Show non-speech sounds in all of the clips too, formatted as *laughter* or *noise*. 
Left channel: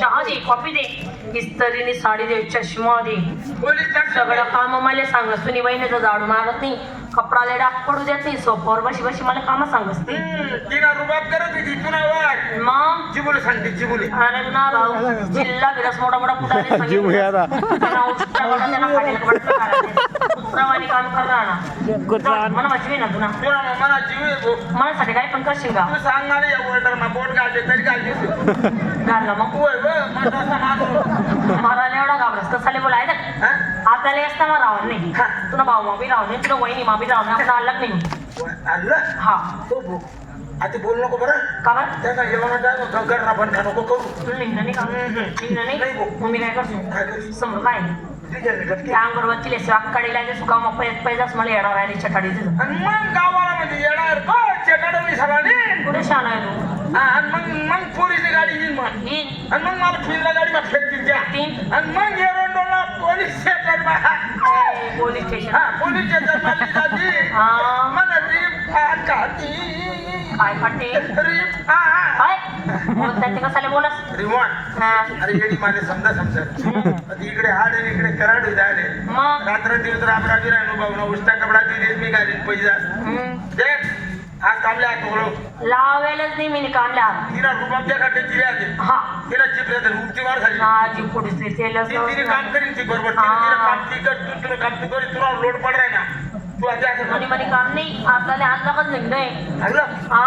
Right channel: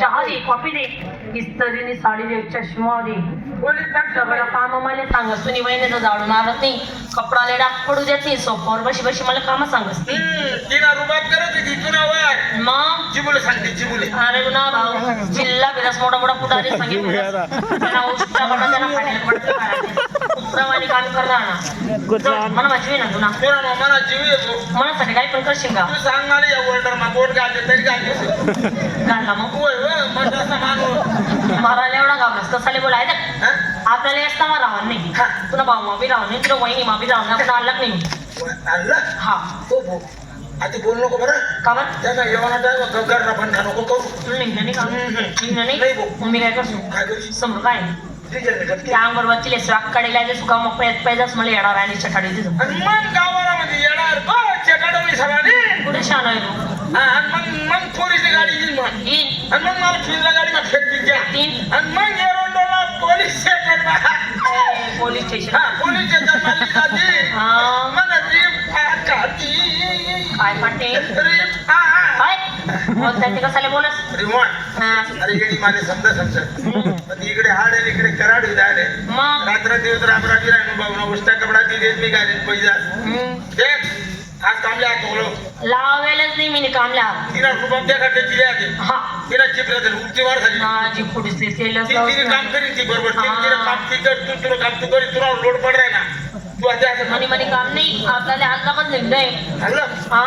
चहा दे कॉफी दे इस्त्रीने साडी दे चष्मा दे सगळं काम मला सांगस. तुम्ही वहिनीचं जाडून आणत नाही कपडा लेडा पडू देत नाही सोपावर बशी बशी मला काम सांगस ती. तिला रुबाब करत होती तुला वाट मग? जिबुले सांगते जिबुले. अरे ना जिल्हा बिलास मोठा मोठा पुटारे कुत्रावाली काम करणार ना मला वाचवी ना तुला तुला मला जीव येतो मनासाठी काय पण करशील का तू सांगणार या वर्ल्डर मा बोट घालते तरी घालते घालला मग. होय होय मग असा माणूस मारायला एवढा घाबरस. तसाले बोलाय हा? आपल्याला असताना राहणार नाही. हा. तुला भाऊ मापी राहणार नाही तुला वहिनी मापी राहणार आपण आणलाच नाही. आणलं? हा. हो भो आधी बोलू नको बरं. का बरं? त्याचा जेवणा टाइम करणार पण का नको करू. निघलं नाही का? निघलं नाही? भाऊ. मग मी काय करतो? काय करू समोर काय जे सुका मग पैद पैदाच मला येणार आणि चटाडी तिथं. आणि मग गावाला म्हणजे येणार चेकाडवणी झाला नाही. कुठे शान आहे मग मग पोरीची गाडी येईन आणि मग मला खिळला गाडी फेकतील त्या. तीन. आणि मग एरोंडोला पोलीस स्टेशन ए, पोलीस स्टेशन हा पोलीस स्टेशनमध्ये जाती हा. मला रीप आ काती काय काढते रीप आ काय? मग त्यांनी कसाले बोलस? रिमोट. हा. अरे येडी समजा समजा. इकडे हाड आहे इकडे कराड आहे. मग? रात्र दिवस राम बाबा उष्टा कपडा ती देत मी घालीन पैसा. आज कामले हात बोलो लावेलच नाही मी कामले हात. तिला खाते तिला आधी तिला चिपलं तर वार झाली. माझी पुढीच तेल तिने काम करीन ती बरोबर. तिने काम ती कर तू तुला काम तू करी तुला लोड पड ना. तू आधी असं म्हणे म्हणे काम नाही. आपल्याला हात निघलंय हल्लं हा.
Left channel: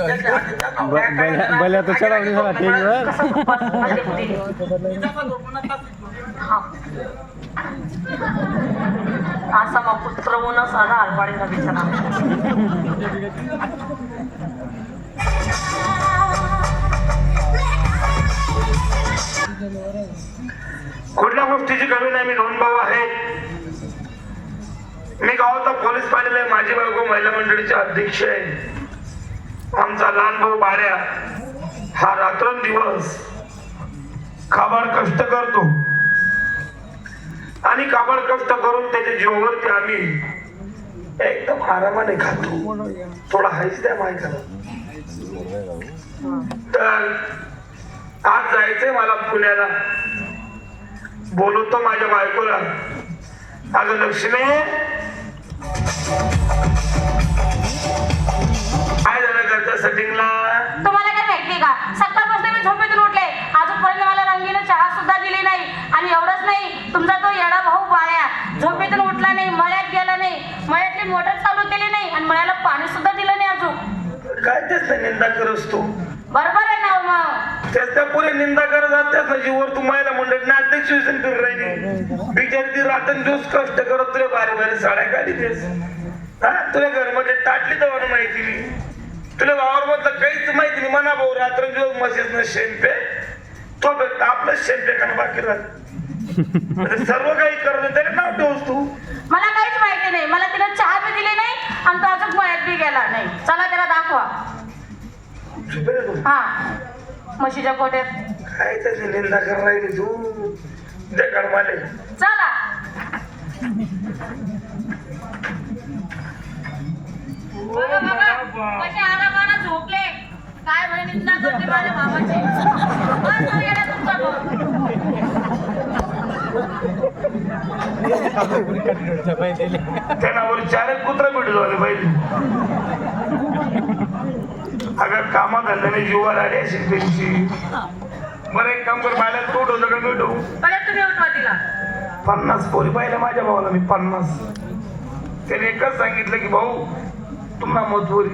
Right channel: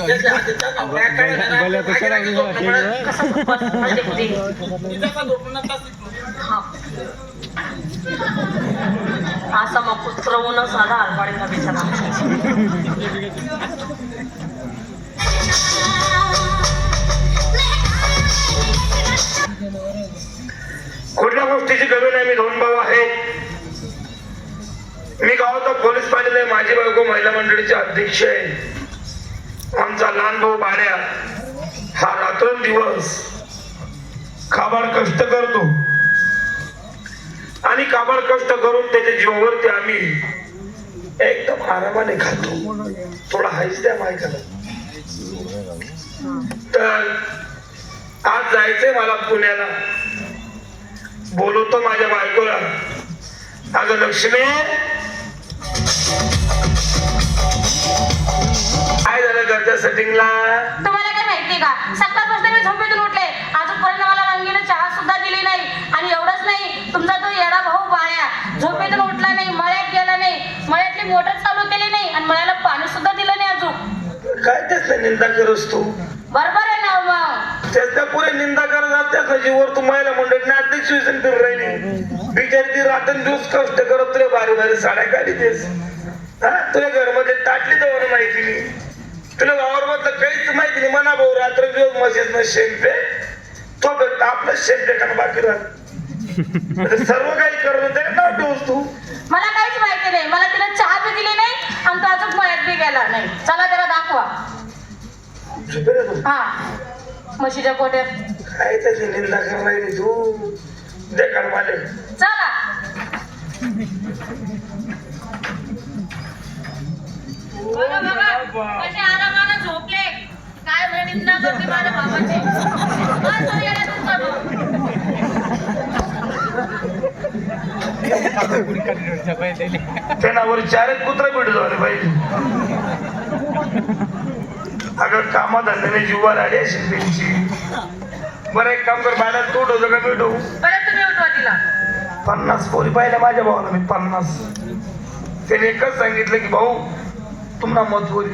मग तर चढवली मला असा मग पुत्र साधा बिचारा कुठल्या गोष्टीची कमी नाही मी दोन भाऊ आहेत. मी गावाचा पोलीस पाटील आहे माझी बायको महिला मंडळीचे अध्यक्ष आहे. आमचा लहान भाऊ बाऱ्या हा रात्रंदिवस काबाड कष्ट करतो. आणि काबाड कष्ट करून त्याच्या जीवावरती आम्ही एकदम आरामाने खातो. थोडा हायच द्या माहिती तर आज जायचंय मला पुण्याला. बोलवतो माझ्या बायकोला. अगं लक्ष्मी घरच्या सेटिंगला तुम्हाला काय माहितीये का? सकाळपासून मी झोपेतून उठले. अजूनपर्यंत मला रंगीनं चहा सुद्धा दिली नाही. आणि एवढंच नाही तुमचा तो येडा भाऊ बाळ्या. झोपेतून उठला नाही मळ्यात गेला नाही. मळ्यातली मोटर चालू केली नाही आणि मळ्याला पाणी सुद्धा दिलं नाही अजून. काय त्याच निंदा करस तू? बरोबर आहे ना हो मग. त्याच त्या पुरे निंदा करत जात त्या जीवर तू महिला मंडळी नाट्य शिवसेन फिरून राहिली. बिचारी ती रात्र दिवस कष्ट करत तुला बारी बारी साड्या काढी हा तुला घरमध्ये ताटली तर माहिती नाही. तुला मधलं काहीच माहिती नाही. म्हणा भाऊ रात्र दिवस मशीन न शेंपे. तो भेटता आपलं शेंपे का बाकी राहत. सर्व काही करत त्याने नाव ठेवस तू. मला काहीच माहिती नाही. मला तिला चहा बी दिली नाही आणि तो अजून मळ्यात बी गेला नाही. चला त्याला दाखवा. तू? हा. म्हशीच्या कोट्यात काय त्याची निंदा करायला तू? दे चला. कसे आरामाने झोपले? काय म्हणे निंदा करते माझ्या बाबाची? बस हो येडा तुमचा भाऊ. त्यानावर चार एक कुत्रा भेटलो आले पाहिजे अगं कामाधंद्याने जीवाला आली असेल त्यांची. बरं एक काम कर बाहेर तू उठवतो का मी उठवू परत तुम्ही उठवा तिला. पन्नास पोरी पाहिल्या माझ्या भावाला मी पन्नास. त्याने एकच सांगितलं की भाऊ तुम्हाला मजबुरी.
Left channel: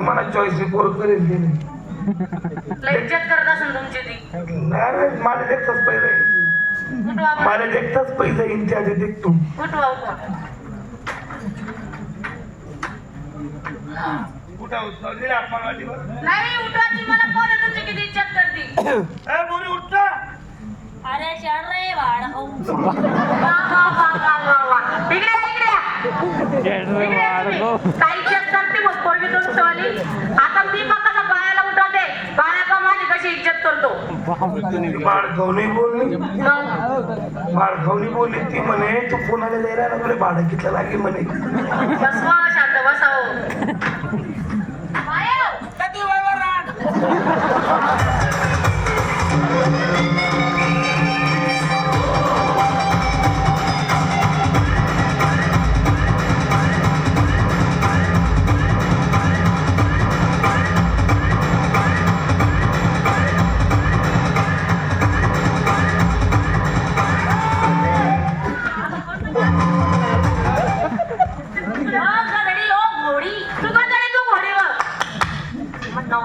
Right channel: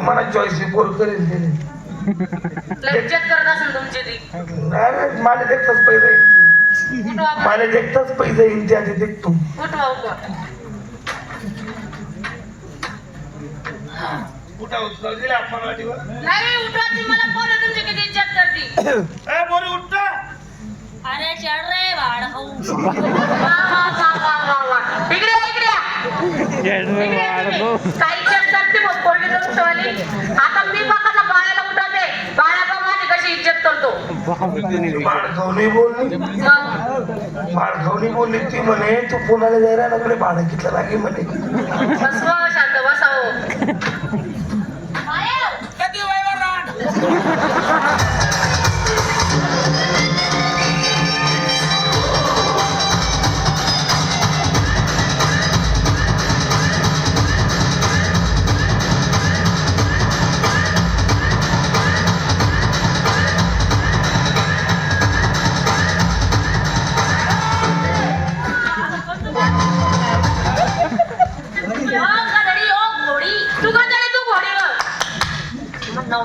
मला चॉईस पोर करेल इज्जत करत असेल तुमची ती. अरे मला देखताच पैसा उठवा बरं. मला देखताच पैसा येईल त्या आधी देखतो. उठवा उठवा कुठं दिला आपण वाटीवर नाही उठवा ती मला तुमची किती इज्जत करते? ए बोरी उठता अरे चढ रे भाड खाऊ *laughs* काही इज्जत करते मग पोरगी जाऊन ठेवली आता मी बघा बाळाला उठवते. बाळा का माझी कशी इज्जत करतो? बाळखावणी बोलली. मग बाळखावणी बोलली ती म्हणे तू पुण्याला जायला भाडं कितलं लागे म्हणे. बसवा शांत बसावं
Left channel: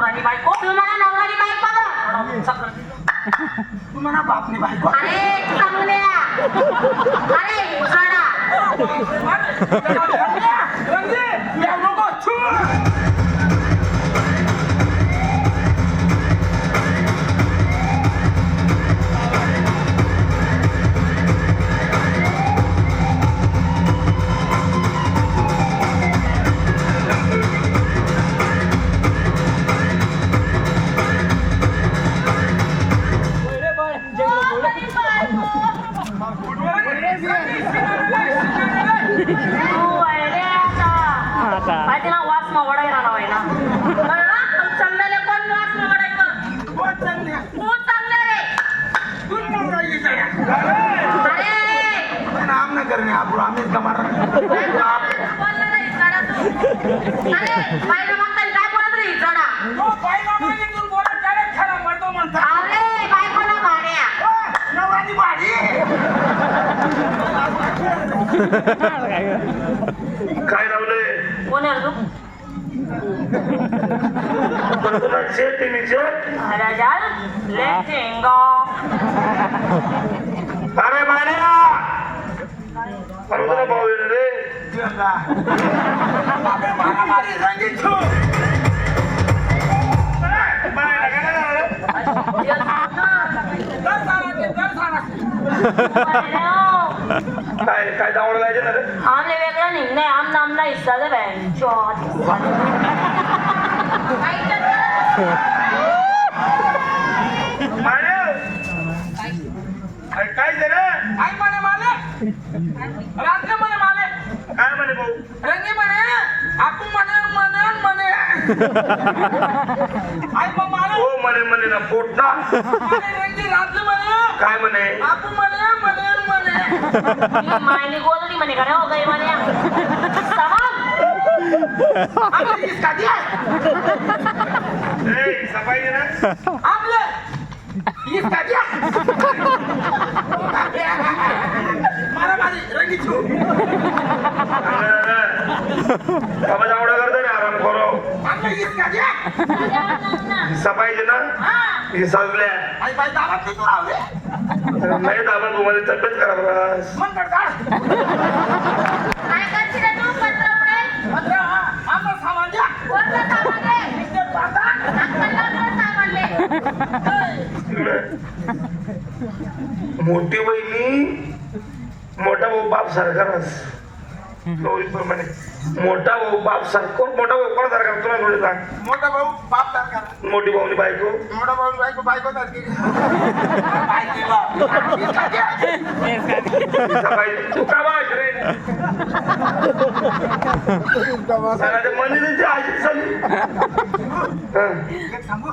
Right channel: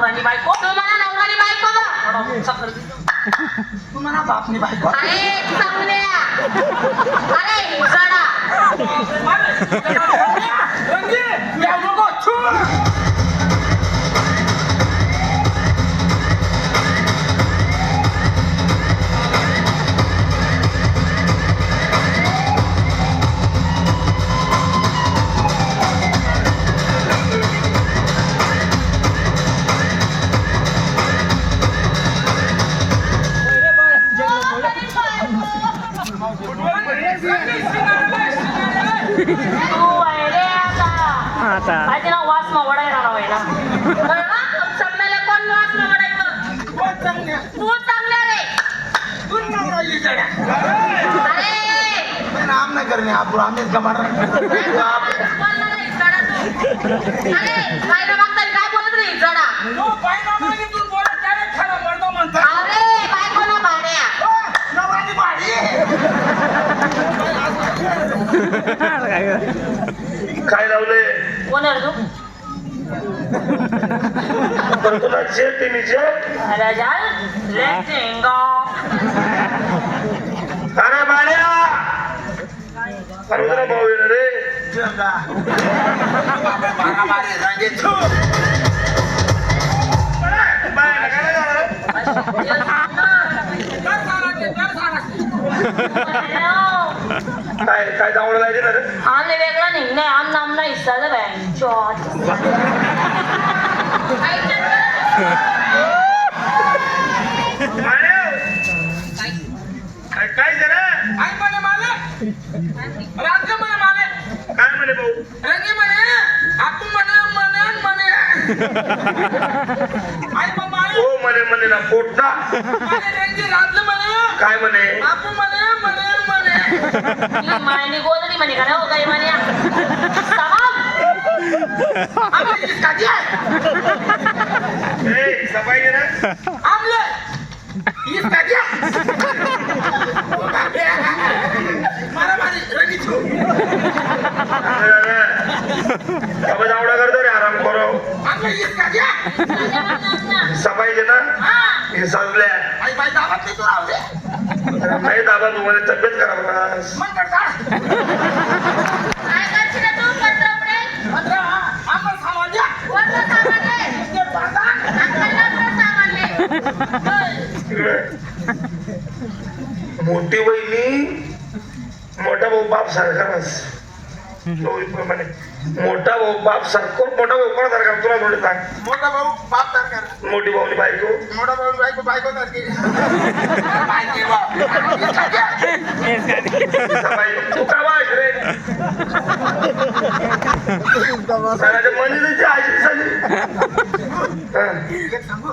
नवरानी बायको? तू मला नवरानी बघा. थोडा उंचा कर. तू म्हणा बापनी बायको. अरे चांगल्या अरे जडा तू *laughs* अरे बाहेर मागताना काय बोलत नाही जडा अरे बायको ना भाड्या काय लावले कोण आहे रे तू तर तुला जे ते मी जे अरे जाल लेटेंगा अरे माड्या अरे भाऊ येणार रे काय काय दावड लायचे ना रे आमने वेगळा नाही नाही आम नामना हिस्सा दे काय जरा माले राजू म्हणे माले काय म्हणे भाऊ रंगी म्हणे आपू म्हणे म्हणे म्हणे आई मग माले हो म्हणे म्हणे ना पोटता म्हणे काय म्हणे? आपू म्हणे म्हणे म्हणे मायने गोदडी म्हणे का रे हो गई म्हणे समा आम्ही ही कधी आहे ए, सफाई दे ना. आमले ही कधी आहे मारा मारी रंगी छू बाबा दावडा करतो रे आराम करो सफाई दे ना? हे संपल्या नाही दाबा तुम्हाला तब्येत खराब मोठी बहिणी मोठा भाऊ बाप सारखाच प्रमाणे मोठा भाऊ बाप सारखो मोठा भाऊ? कोणा सारखा तुला थोडी सांग? मोठा भाऊ बाप सरकार मोठी भाऊनी बायको. मोठा भाऊ बायको बायको सारखी. तू का बाश रे? सणाच्या झाली. एक सांगू?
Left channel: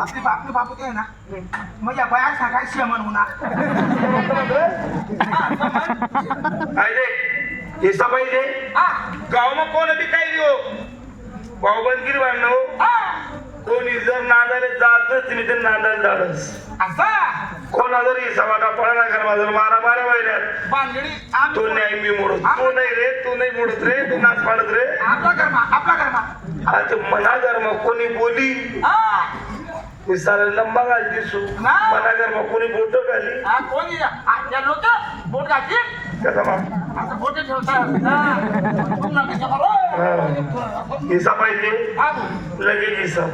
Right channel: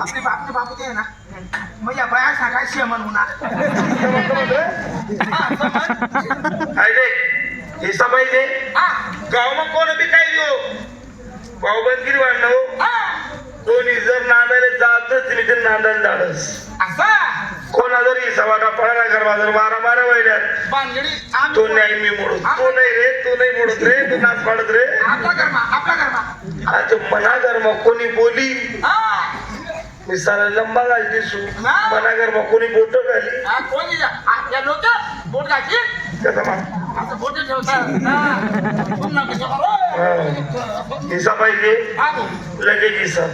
आपली बापू ते आहे ना? माझ्या बाया सांगाय शेमन होणार. हा, समज? काय रे? हे सफाई दे हा, गावाમાં कोण बी काय देऊ? भाऊबंदगिरी बांधणं हा. कोणी जर नांदायला जातच मी ते नांदायला जाणच असं? कोणा जरी सवाना पळा कर जर मारा मारा वैऱ्यात तो नाही मी मोडत तू नाही रे तू नाही मोडत रे तू नाच पाडत रे. आज मना कर्म कोणी बोली? हा. मी सारा लंबा घाल दिसू मना कर्म कोणी बोट घाली? हा? हा, बोट घातली मा? हिसा पाहिजे. लगेच हिसा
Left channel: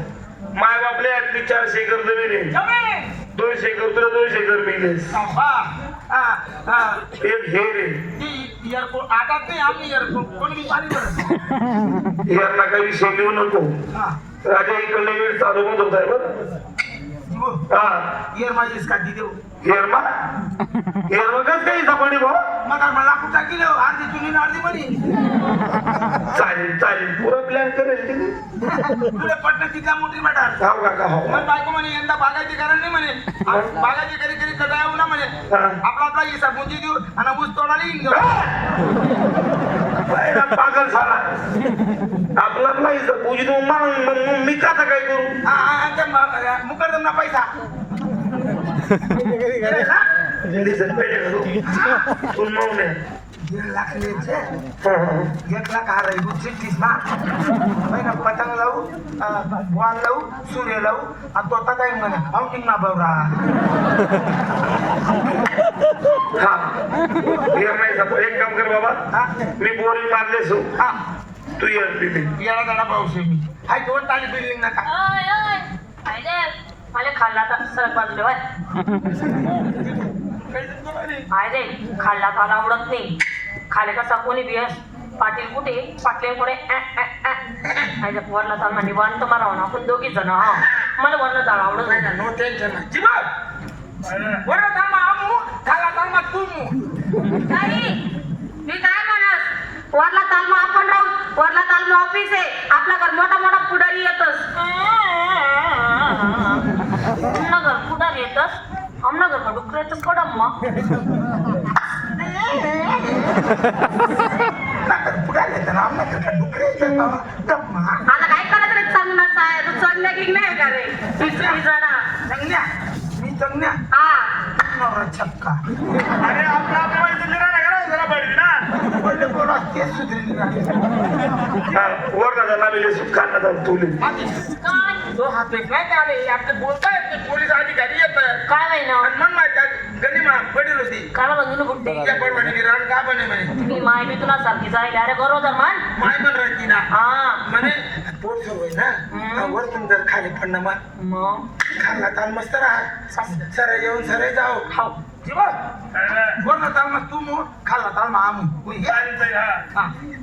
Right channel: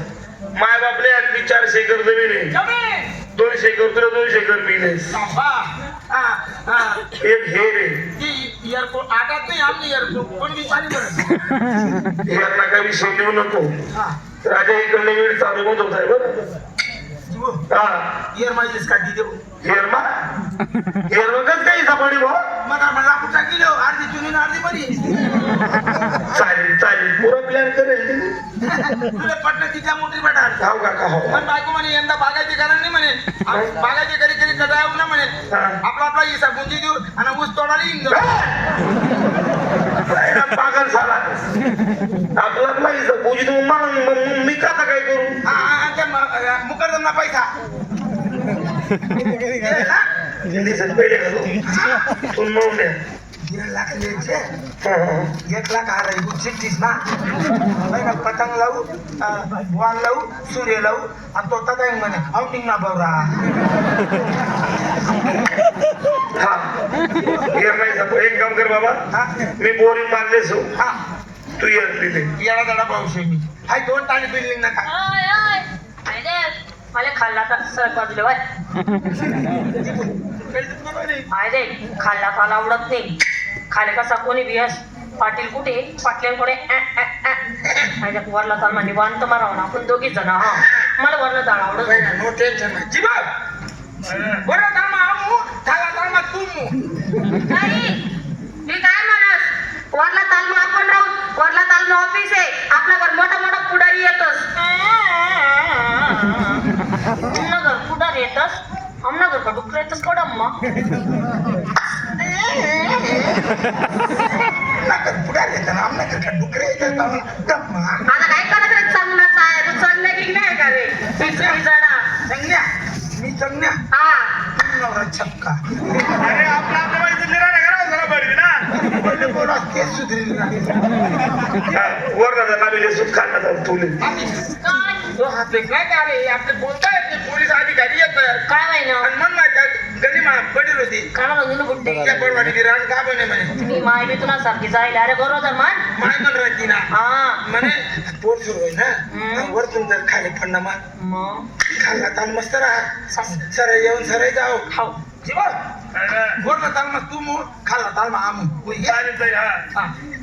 माय बापले अगदी चारशे एकर जमीन आहे. दोनशे एकर तुला दोनशे एकर हा, हा, हा. एक हे रे एअरपोर्ट आटात नाही आम्ही एअरपोर्ट कोणी विचारी बरं यांना काही विषय लिहू नको राजा इकडले वेळ चालू होत होत बरं जीवो हा. एअर माझीच का देऊ. हेरमा हेरमगच काही सापडी भाऊ. मला अर्धी चुनी अर्धी बरी. चालेल चालेल. पुरा प्लॅन करेल तुला पटलं तिच्या मोठी जाऊ का हो. पण बायको म्हणे यंदा बागायती कारण नाही म्हणे. बागायती करी करी कदा येऊ ना म्हणे. आपला आपला हिस्सा गुंजी देऊ आणि ऊस तोडायला येईन जाऊ. काय ना पागल झाला आपला आपला इथं पूजी तू मग मी का काय करू? हा, हा, हा, त्या म- मुकरदमना पैसा. तू मग नाही. दीड लाख लिहायचे. हा, हा. एक लाख आ रही चिठ्ठीस ना पतंग लावू वाण लावू सूर्य लावू आणि तो तदा म्हणे आउटिंग ना बवरा. हा. एक काम कर बाबा. हा. मी बोरिंग मारले सो हा. तू ये तिथे येडा दाडा पाऊस मी. हाय दोन टाणी बिल्डिंग नका ओय, ओय. काय रे? मला खाल्ला तर स्वयंपाक देवाय काय रे खाल्ला तर आवडत नाही. खाले कसा कोणी बियस? पाटील कुठे? पाटले कुठे वरला म्हणजे वान तर मारावं ना आपण दोघी जण हा. मला वरला ताल आवडत नाही. नो टेन्शन जीवा आमू खाला तू मू. नाही मी काय म्हणत वरला तालमा आपण राहू वरला तालमा ऑफिस आहे. आपला घर मोठा मोठा पुढारी येतोस. घर कुठं येतस? आमना घर का डुकर येतस कडम्मा नाकर पुढे येतं ना आमना का डुकरे येतं का गप्पा आता काय करत रे चांगलाच आहे? तू चढण्या की नाही का रे? पिचडी चढा चंगण्या मी चंगण्या हा. नवरा छक्का अरे आपला आपला इथं निर्णय करा जरा बळी ना बोला ते सुधरील म्हणजे आलं तुले तो हाते काय काय रे आपले बोलतायत ते पोलीस अधिकारी येतात काय नाही ना आणि मन माहीत काय गली मा पडील होती काय त्या बडवाडी रान का बने म्हणे मी माय बी तुला सारखी जाईल अरे बरोबर मान माय पण राहती ना हा म्हणे पोट सुरू हम्म. ना वरतून जर खाली पडणं मग? मग खाल्ला ताल मस्त राहा. सास- सर येऊन सर जाऊ. खाऊ जीवा वरला ताल मग तू मग खाल्ला ताल मग आमू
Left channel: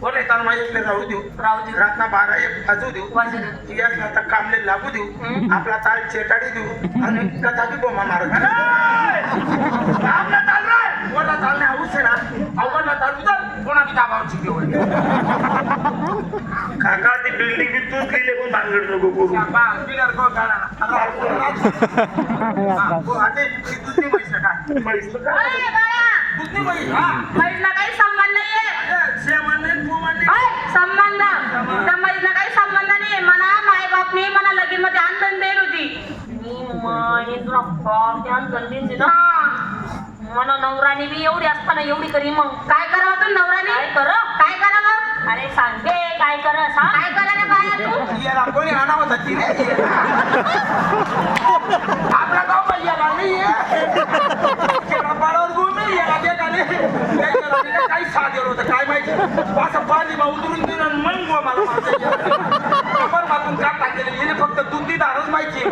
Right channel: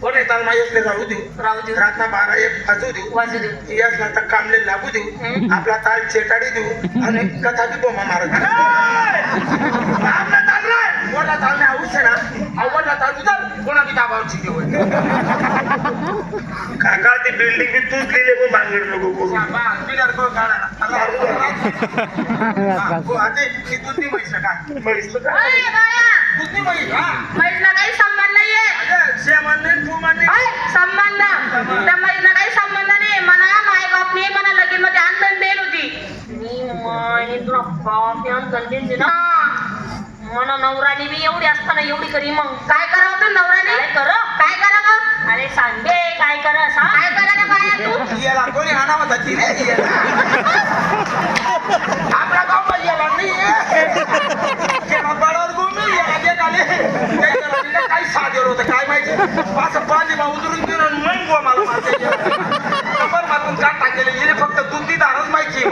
वरला ताल मग एकले राहू देऊ. राहू देऊ. रातना बागा एक वाजू देऊ. वाजू देऊ. यासला तर कामले लागू देऊ. आपला ताल चेटाडी देऊ. आणि कथा बी बोमा मारत आपला ताल रे वरला ताल नाही आहे ना? आवडला ताल उतर कोणा बी दाबावची देऊ काका ती बिल्डिंग बी तूच लिहिले पण भांगड नको करू. *laughs* हो, *laughs* हा. काही संबंध नाहीये. संबंध. त्या काही संबंध नाही म्हणा माय बापने मला लगीन मध्ये आणून देईल होती. मी तुला बाप ध्यान गंदीन दिना हा. मना नवरानी बी एवढी असताना एवढी करी मग काय करावं तू नवराने? काय कर? काय करावं? अरे सांगे काय कर सांग. काय करा रे बाया तू? याला कोणी आणावं होतं याला. आपल्या गावात याला नाही. याला. काही साधेर होतं, काय माहिती? असं पाणी बा उतरून दिलं आणि मग गो मला मारते. बरं मारून काट टाकेले हिने फक्त दुधी दारच माहिती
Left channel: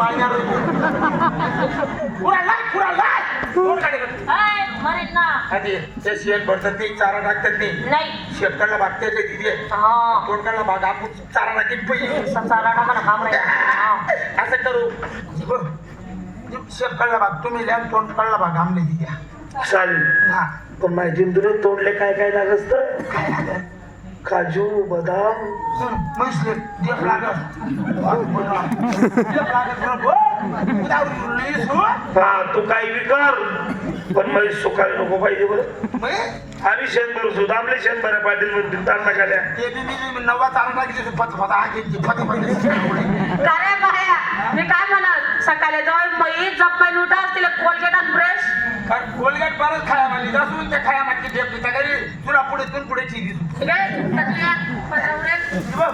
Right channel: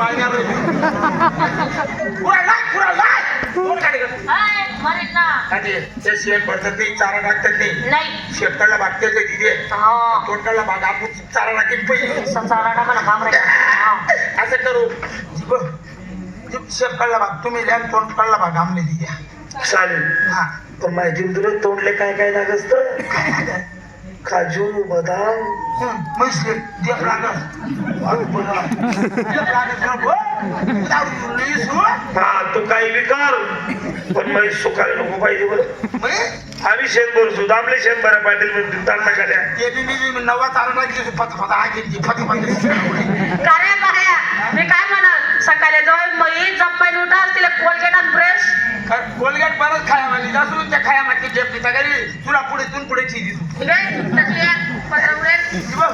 पुरा पुरा कोण गाडी करतं? अय, मरेल ना. आधी ते शेत भरतात नाही चारा टाकतात नाही. नाही. शेतकऱ्याला भागते ते तिथे? हा. तोडकाला भाग आपण चारा टाकेल पहिले. चारा टाका ना काम राहील हा. असं करू. जीव जीव भाग तुम्ही लिहा आणि तोंड काढला भाग आमले दिल्या चालेल. हा. पण माहिती तुला तोंडले काय काय असत काय? काजू बदाम. हं, म्हैसले लागत लागत हो? तू काही बी कर. पण सुकायला नको पाहिजे बरं. आम्ही शेत भरसू आपले शेत बरं पाटील म्हणतील तांडा काल्या ते बी मी बी नवा चालला की फत फत आगी ती फत फत का रे बाया? मी काय म्हणत सकाळी जाऊ म्हैस झप्पाईन उठा तिला कोलगेट आणि ब्रश कोलगेट परत खाया जासून त्या खाया मागली जेप घरी. तुला पुढे तून पुढे चिरी तू ठीक आहे पत्र उडेल बघ.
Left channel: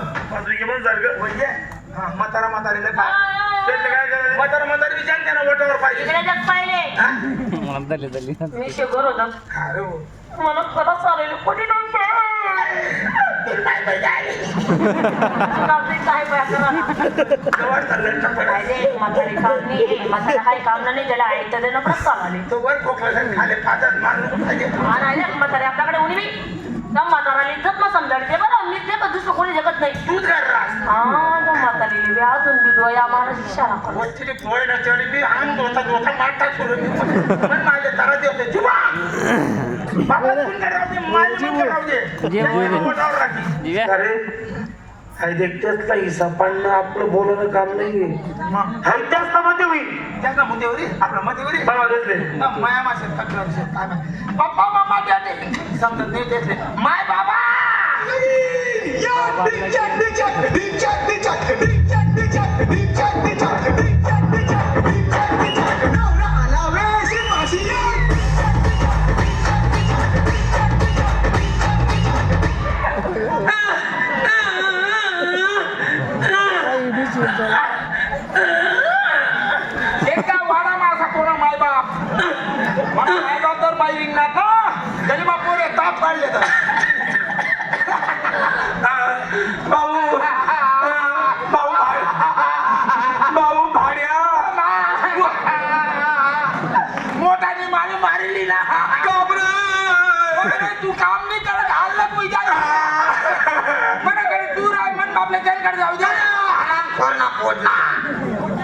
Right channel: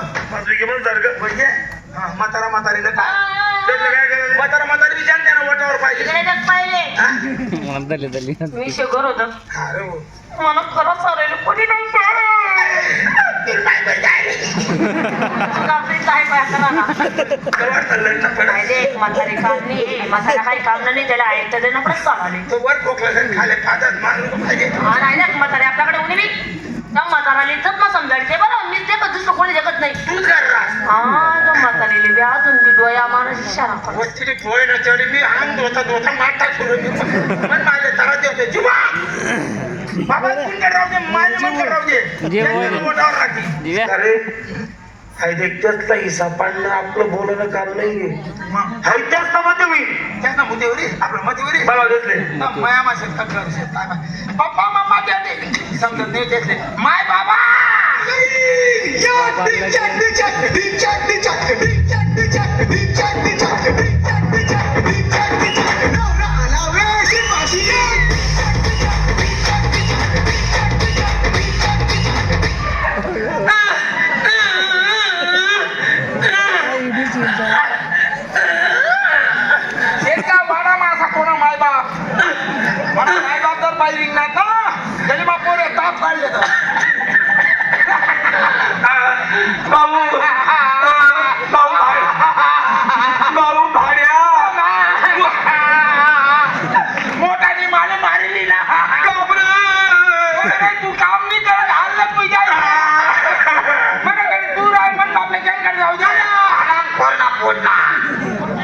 सारखं. म्हातारा म्हातारीनं काय काय म्हातारा म्हातारी ना वटावर पाहिजे. पहिले. मी शुगर होत. मला खरंच हरवलं कोणी काय म्हातारी म्हातारा नाही त्याला तो म्हातारी आपल्याकडे उणी त्या इज्जत ना समजायचे बरं. मी ते बद्दल कोणी जगत नाही. तू कर बी डोया माणूस इशारा करतो. वस्तीने पोय नसल्यावर मी आणून दोता दोता मारता सोडून पण माझ्या घरात येते जीवा बाबा तुमच्या राहू दे माझ्या म्हणकर राहू दे त्याच्या मोठावर राखी अरे पाडणं आपलं बोलणं काम नाहीये मग हाय जास्त मध्ये होईल त्याचा मुद्देवरी आपलं मध्यवरी मला दिसले माया माशात तक्रार असेल काय पप्पा मम्मा त्याने समजत नाही त्यातले माय बाबा एका वाडा माझा कोणा माय बाप मला माय बाप जर ना तरी पोरे ताप काढले तर भाऊ भाऊ भाऊ भाड्या मारली ना अरे, तू काम नाही करत हाल तुझ्या मनाकडे तू आहे मन बापले त्यांकडे जाऊ द्या कोणा पोटना